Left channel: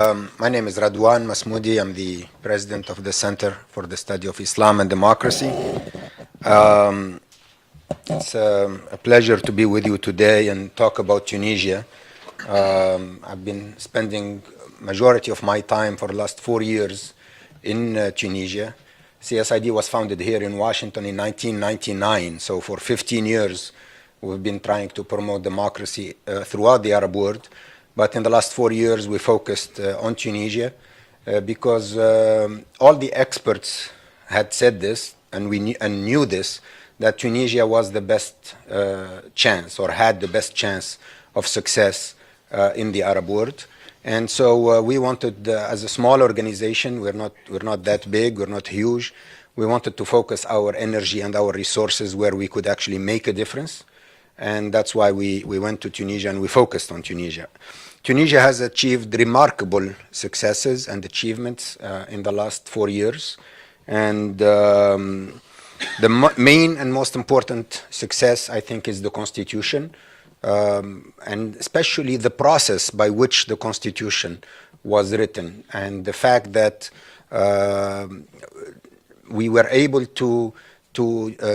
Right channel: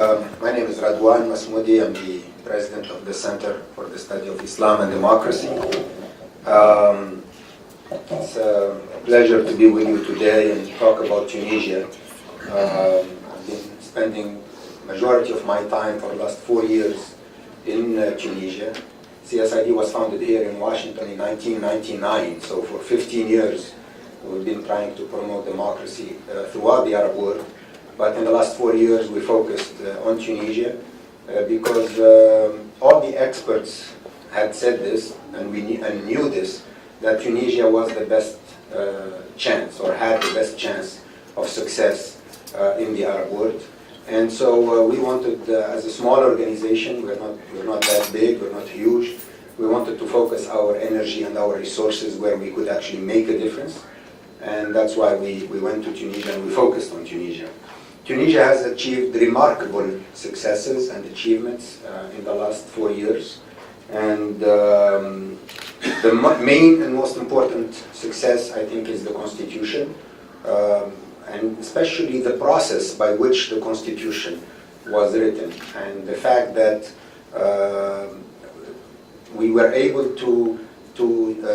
My name is Radwan Masmoudi. I'm the president of the Center for the Study of Islam and Democracy. It's a pleasure to be with you today and talk about Tunisia. I've been spending majority of my time for the last 4 years in Tunisia. CSID was founded here in Washington in 1999, so for 15 years we've been trying to promote democracy throughout the Arab world. But in the last 4 years, we focused on Tunisia because all the experts had said this, and we knew this, that Tunisia was the best chance, or had the best chance of success in the Arab world. And so we wanted, as a small organization, we're not that big, we're not huge. We wanted to focus our energy and our resources where we could actually make a difference. And that's why we went to Tunisia and we focused on Tunisia. Tunisia has achieved remarkable successes and achievements in the last 4 years. And the main and most important success, I think, is the constitution, and especially the process by which the constitution was written, and the fact that we were able to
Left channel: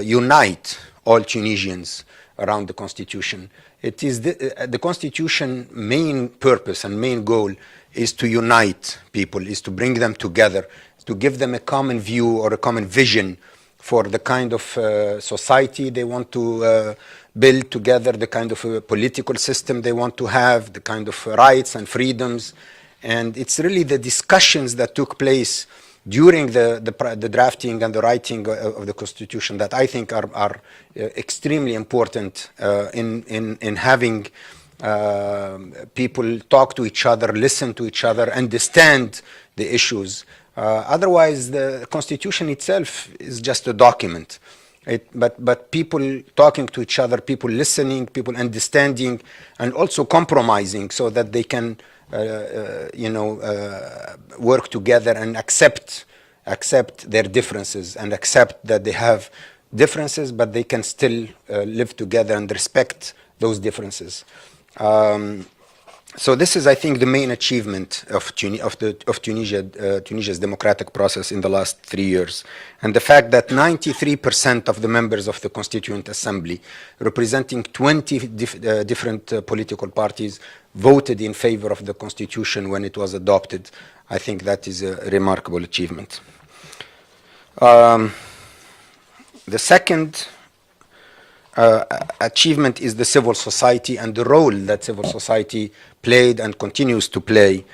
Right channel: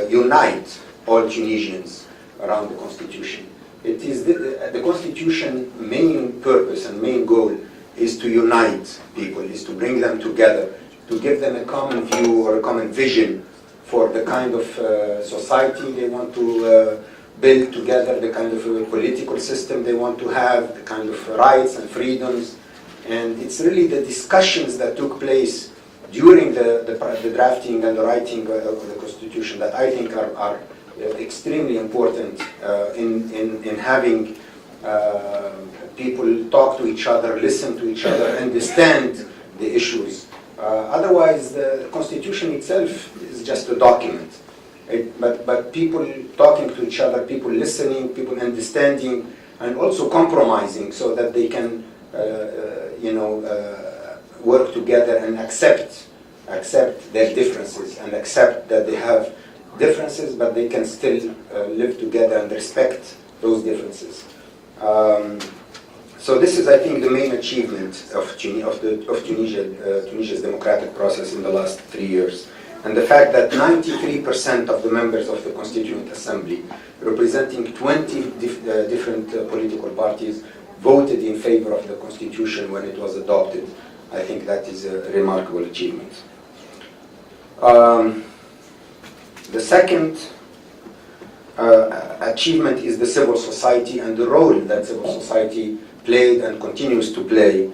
unite all Tunisians around the constitution. It is the constitution main purpose and main goal is to unite people, is to bring them together, to give them a common view or a common vision for the kind of society they want to build together, the kind of political system they want to have, the kind of rights and freedoms. And it's really the discussions that took place during the drafting and the writing of the constitution that I think are extremely important in having people talk to each other, listen to each other, understand the issues. Otherwise, the constitution itself is just a document. But people talking to each other, people listening, people understanding, and also compromising so that they can, work together and accept their differences and accept that they have differences, but they can still live together and respect those differences. So this is, I think, the main achievement of Tunisia's democratic process in the last 3 years. And the fact that 93% of the members of the Constituent Assembly, representing 20 different political parties, voted in favor of the Constitution when it was adopted. I think that is a remarkable achievement. The second achievement is the civil society and the role that civil society played and continues to play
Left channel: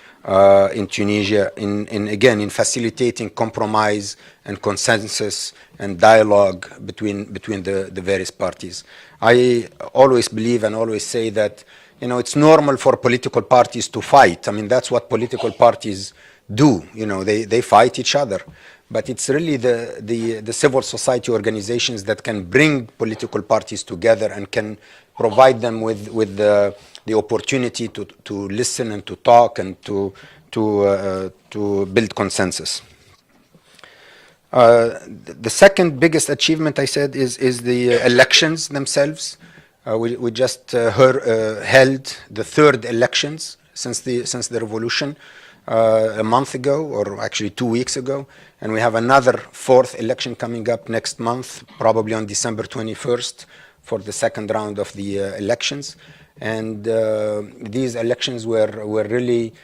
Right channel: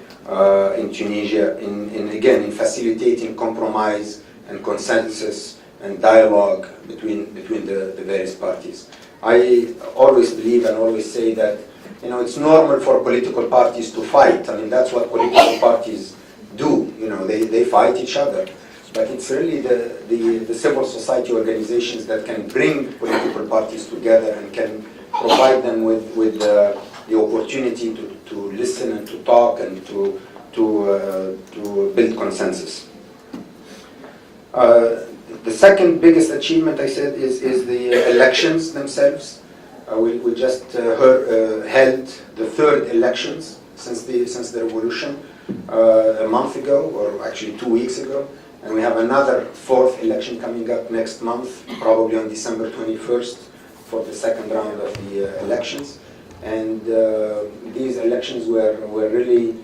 in Tunisia in facilitating compromise and consensus and dialogue between the various parties. I always believe and always say that it's normal for political parties to fight. I mean, that's what political parties do. They fight each other. But it's really the civil society organizations that can bring political parties together and can provide them with the opportunity to listen and to talk and to build consensus. The second biggest achievement, I said, is the elections themselves. We just held the third elections since the revolution a month ago, or actually 2 weeks ago. And we have another fourth election coming up next month, probably on December 21st, for the second round of the elections. And these elections were really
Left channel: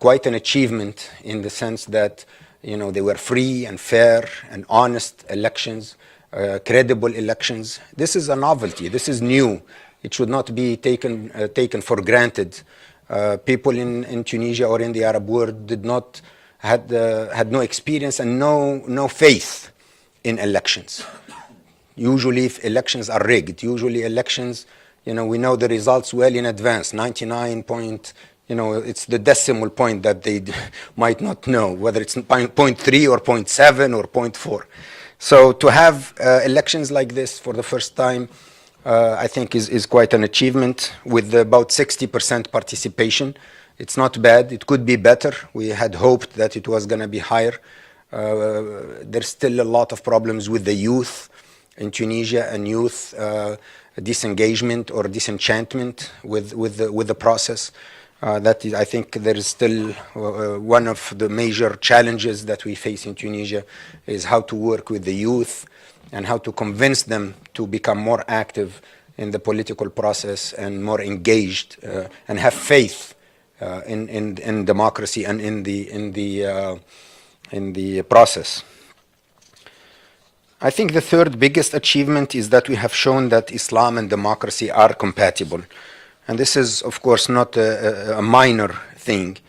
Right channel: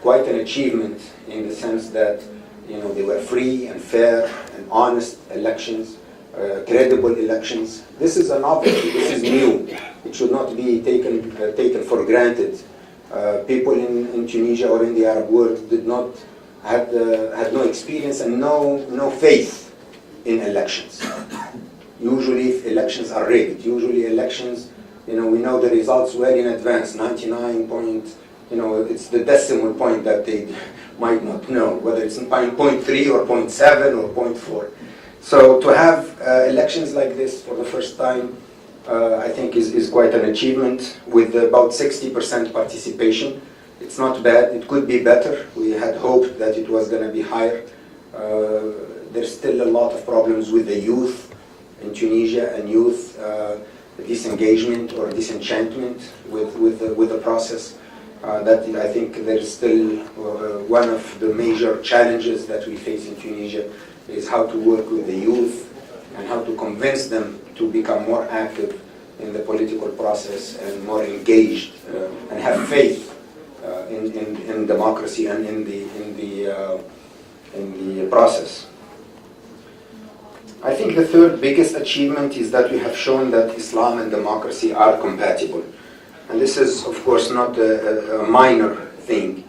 quite an achievement in the sense that they were free and fair and honest elections, credible elections. This is a novelty. This is new. It should not be taken for granted. People in Tunisia or in the Arab world had no experience and no faith in elections. Usually if elections are rigged. Usually elections, we know the results well in advance. 99 point, it's the decimal point that they might not know, whether it's 0.3 or 0.7 or 0.4. So to have elections like this for the first time, I think is quite an achievement, with about 60% participation. It's not bad. It could be better. We had hoped that it was going to be higher. There's still a lot of problems with the youth in Tunisia, and youth disengagement or disenchantment with the process. That is, I think there is still one of the major challenges that we face in Tunisia is how to work with the youth and how to convince them to become more active in the political process and more engaged and have faith in democracy and in the process. I think the third biggest achievement is that we have shown that Islam and democracy are compatible. And this is, of course, not a minor thing.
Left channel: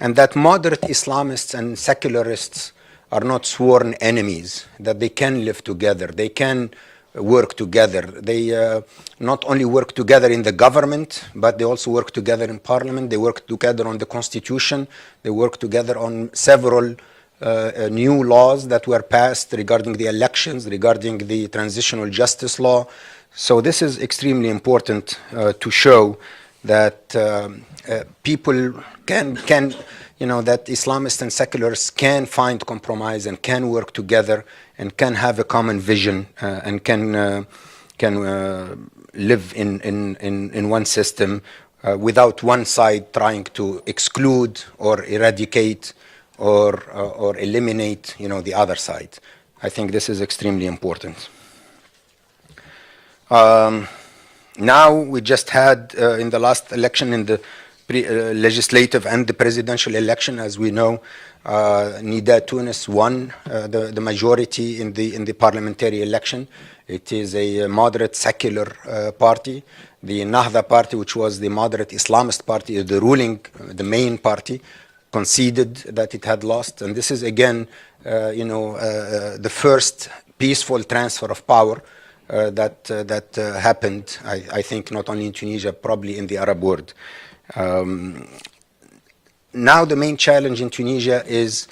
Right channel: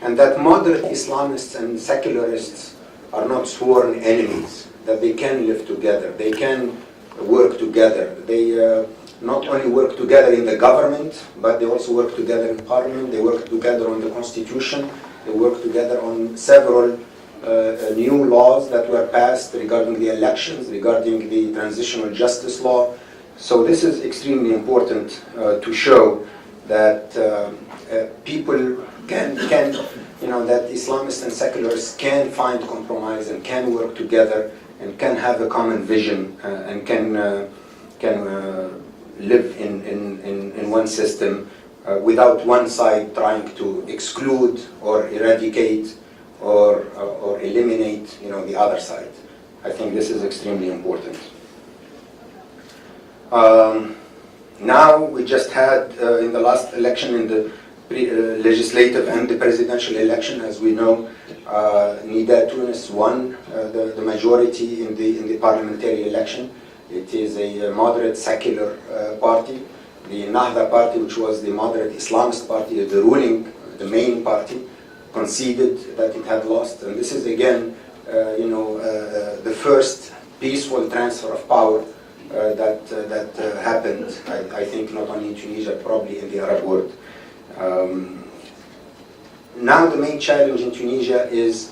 And that moderate Islamists and secularists are not sworn enemies, that they can live together, they can work together. They not only work together in the government, but they also work together in parliament, they work together on the constitution, they work together on several new laws that were passed regarding the elections, regarding the transitional justice law. So this is extremely important to show that people can, that Islamists and secularists can find compromise and can work together and can have a common vision and can live in one system without one side trying to exclude or eradicate or eliminate, the other side. I think this is extremely important. Now we just had in the last election, in the legislative and the presidential election, as we know, Nida Tunis won the majority in the parliamentary election. It is a moderate secular party. The Nahda party, which was the moderate Islamist party, the main party, conceded that it had lost. And this is again, the first peaceful transfer of power that happened, I think, not only in Tunisia, probably in the Arab world. Now the main challenge in Tunisia is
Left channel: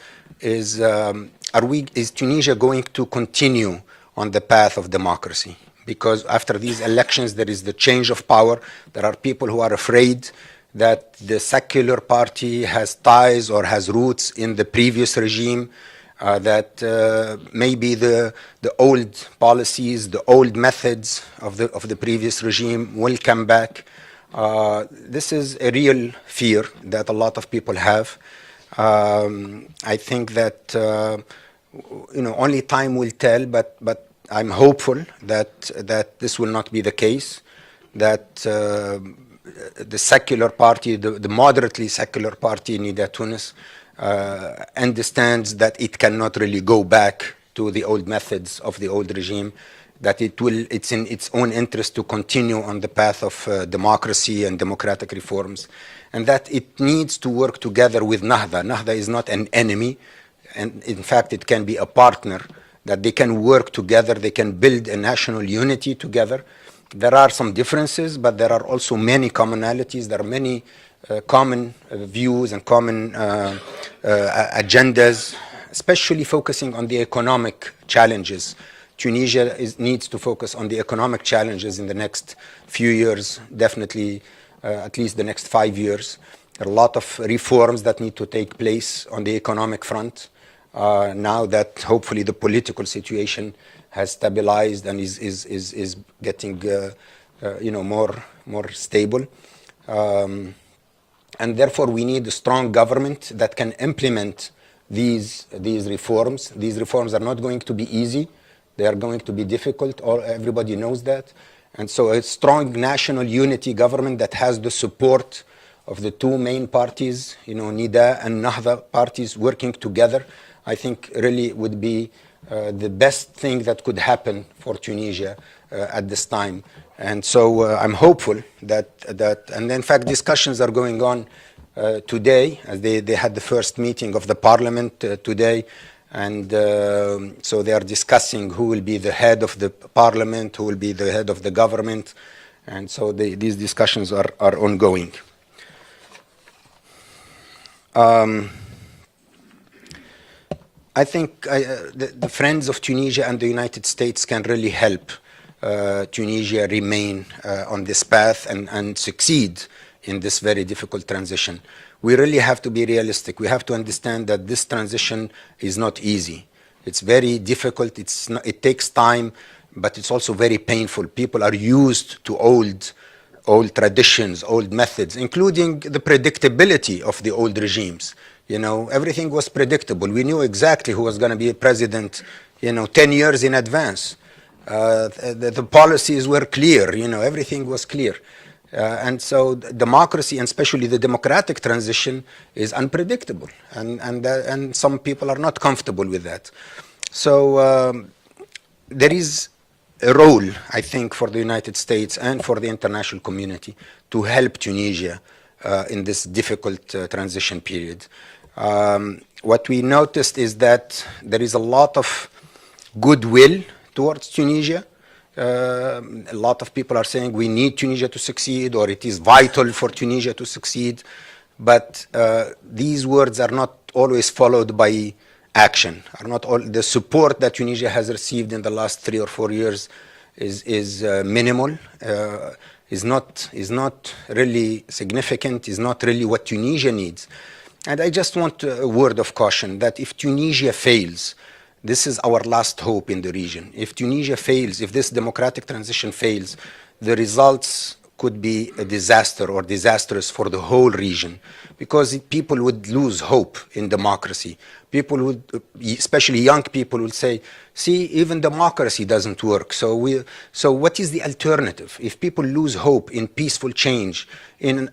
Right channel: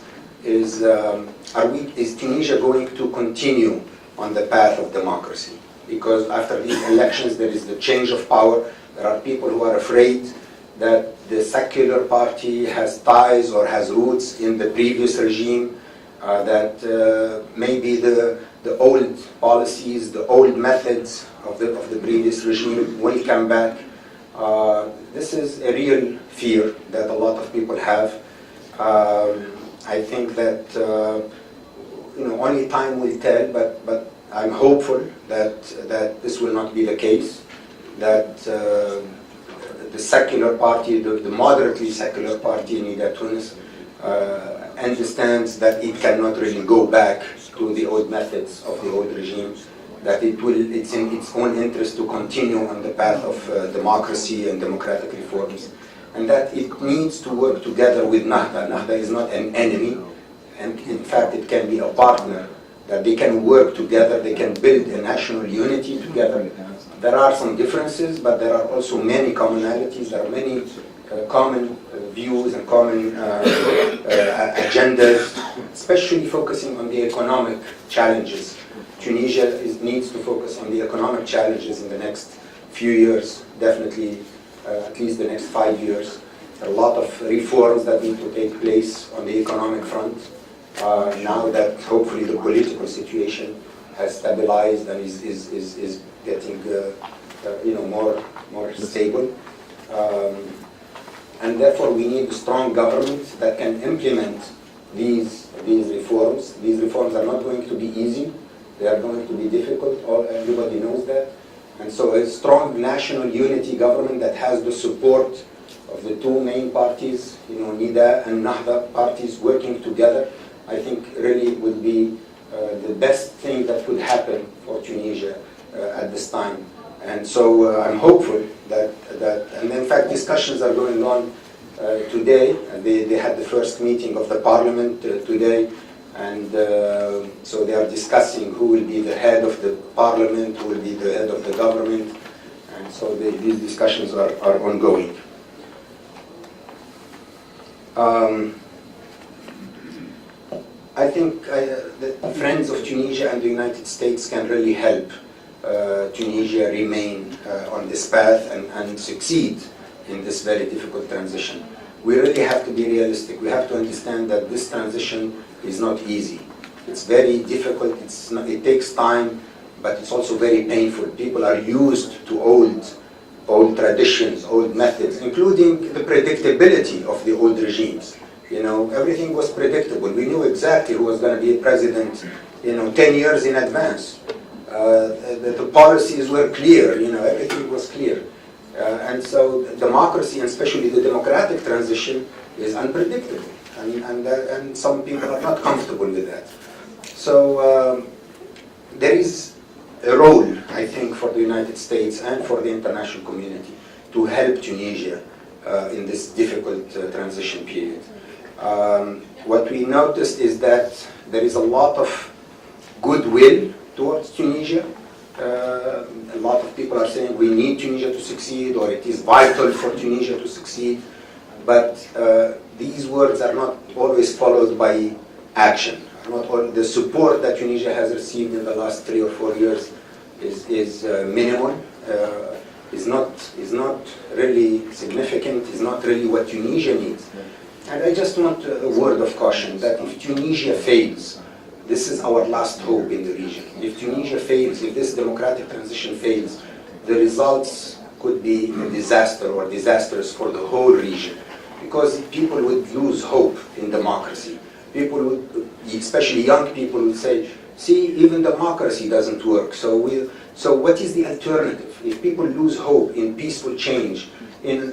Tunisia going to continue on the path of democracy? Because after these elections there is the change of power. There are people who are afraid that the secular party has ties or has roots in the previous regime, that maybe the old policies, the old methods of the previous regime will come back. This is a real fear that a lot of people have. I think that only time will tell, but I'm hopeful that this will not be the case, that the secular party, the moderately secular party in Nida Tunis, understands that it cannot really go back to the old methods of the old regime, that it's in its own interest to continue on the path of democracy and democratic reforms, and that it needs to work together with Nahda. Nahda is not an enemy, and in fact it can be a partner, that they can work together, they can build a national unity together. There are some differences, but there are also many commonalities. There are many common views and common agendas, especially focusing on the economic challenges. Tunisia needs to focus on the economic challenges in the next few years, definitely at least the next 5 years. There are a lot of reforms that need to take place on the economic front now that hopefully the political situation has stabilized and is getting more stable. And therefore we need a strong government that can implement these reforms. These reforms are not going to be easy. They are going to be difficult. Everybody knows that. And so a strong national unity government that has the support of the two main parties, Nida and Nahda parties working together, I think really would be the best thing that could happen for Tunisia at this time. And so I'm hopeful that and in fact discussions are going on today. They had the first meeting of the parliament today, and so they are discussing who will be the head of the parliament, who will be the head of the government, and so these discussions are ongoing. I think the friends of Tunisia and the United States can really help Tunisia remain on this path and succeed in this very difficult transition. We really have to be realistic. We have to understand that this transition is not easy. It's very difficult. It takes time, but it's also very painful. People are used to old old traditions, old methods, including the predictability of the old regimes. You know, everything was predictable. We knew exactly who was going to be president, 10 years in advance. The policies were clear, everything was clear. And so democracy, and especially the democratic transition, is unpredictable. And some people are not comfortable with that. So there is a role, I think, for the United States and for the international community to help Tunisia in this difficult transition period. What we noticed is that there is a lot of goodwill towards Tunisia. A lot of people are saying we need Tunisia to succeed, or it is vital for Tunisia to succeed. But these words are not always followed by action. Are not all, the support that Tunisia has received in the last 3 or 4 years is minimal. Is not really significant. Is not really what Tunisia needs. And I just want a word of caution that if Tunisia fails, this is our last hope in the region. If Tunisia fails, if this democratic transition fails, the results could be a disaster or disastrous for the whole region, because people would lose hope in democracy. People would, especially young people, would say, see, even democracy doesn't work. So what is the alternative? If people lose hope in peaceful change, in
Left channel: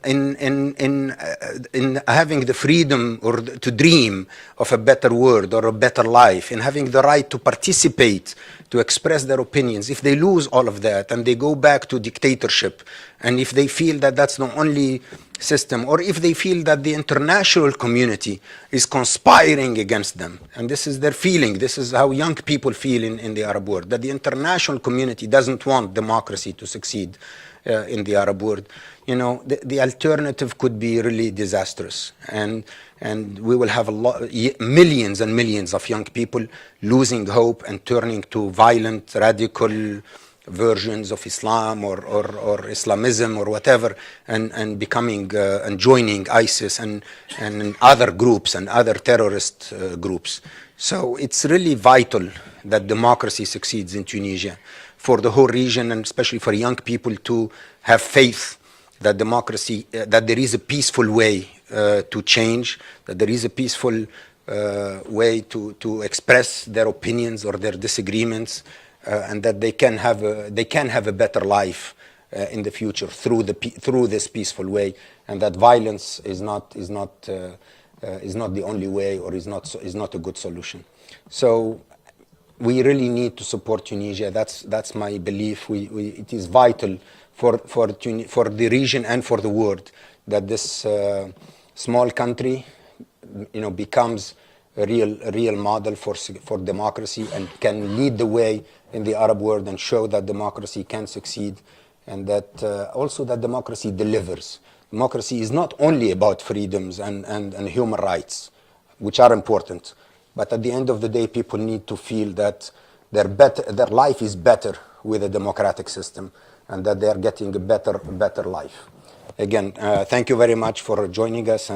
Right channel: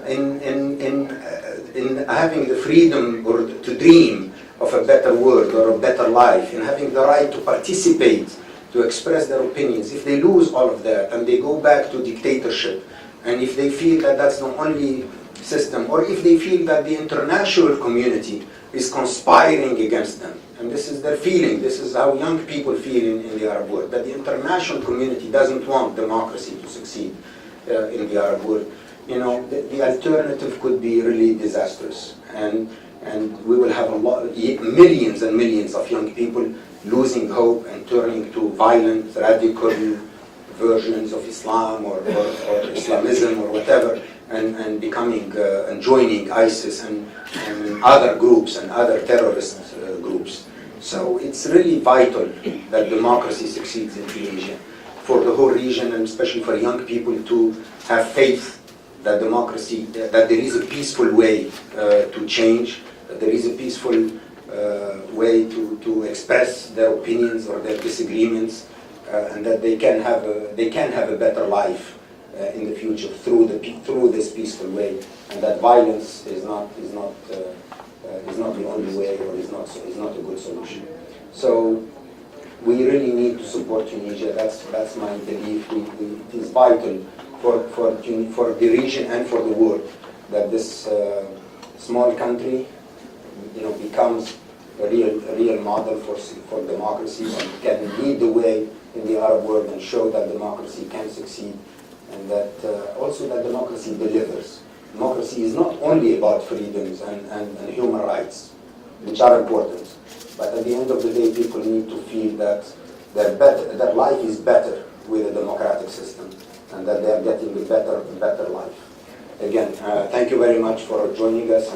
having the freedom or to dream of a better world or a better life, in having the right to participate, to express their opinions, if they lose all of that and they go back to dictatorship, and if they feel that that's the only system, or if they feel that the international community is conspiring against them, and this is their feeling, this is how young people feel in the Arab world, that the international community doesn't want democracy to succeed in the Arab world, the alternative could be really disastrous, and we will have millions and millions of young people losing hope and turning to violent, radical versions of Islam or Islamism or whatever, and becoming and joining ISIS and other groups and other terrorist groups. So it's really vital that democracy succeeds in Tunisia for the whole region, and especially for young people to have faith that democracy, that there is a peaceful way to change, that there is a peaceful way to express their opinions or their disagreements, and that they can have a better life in the future through this peaceful way, and that violence is not the only way, or is not a good solution. So we really need to support Tunisia. That's my belief. It is vital for the region and for the world that this small country, becomes a real model for democracy, and can lead the way in the Arab world and show that democracy can succeed, and that also that democracy delivers. Democracy is not only about freedoms and human rights, which are important, but at the end of the day, people need to feel that their life is better with a democratic system, and that they are getting a better life. Again, thank you very much for joining us.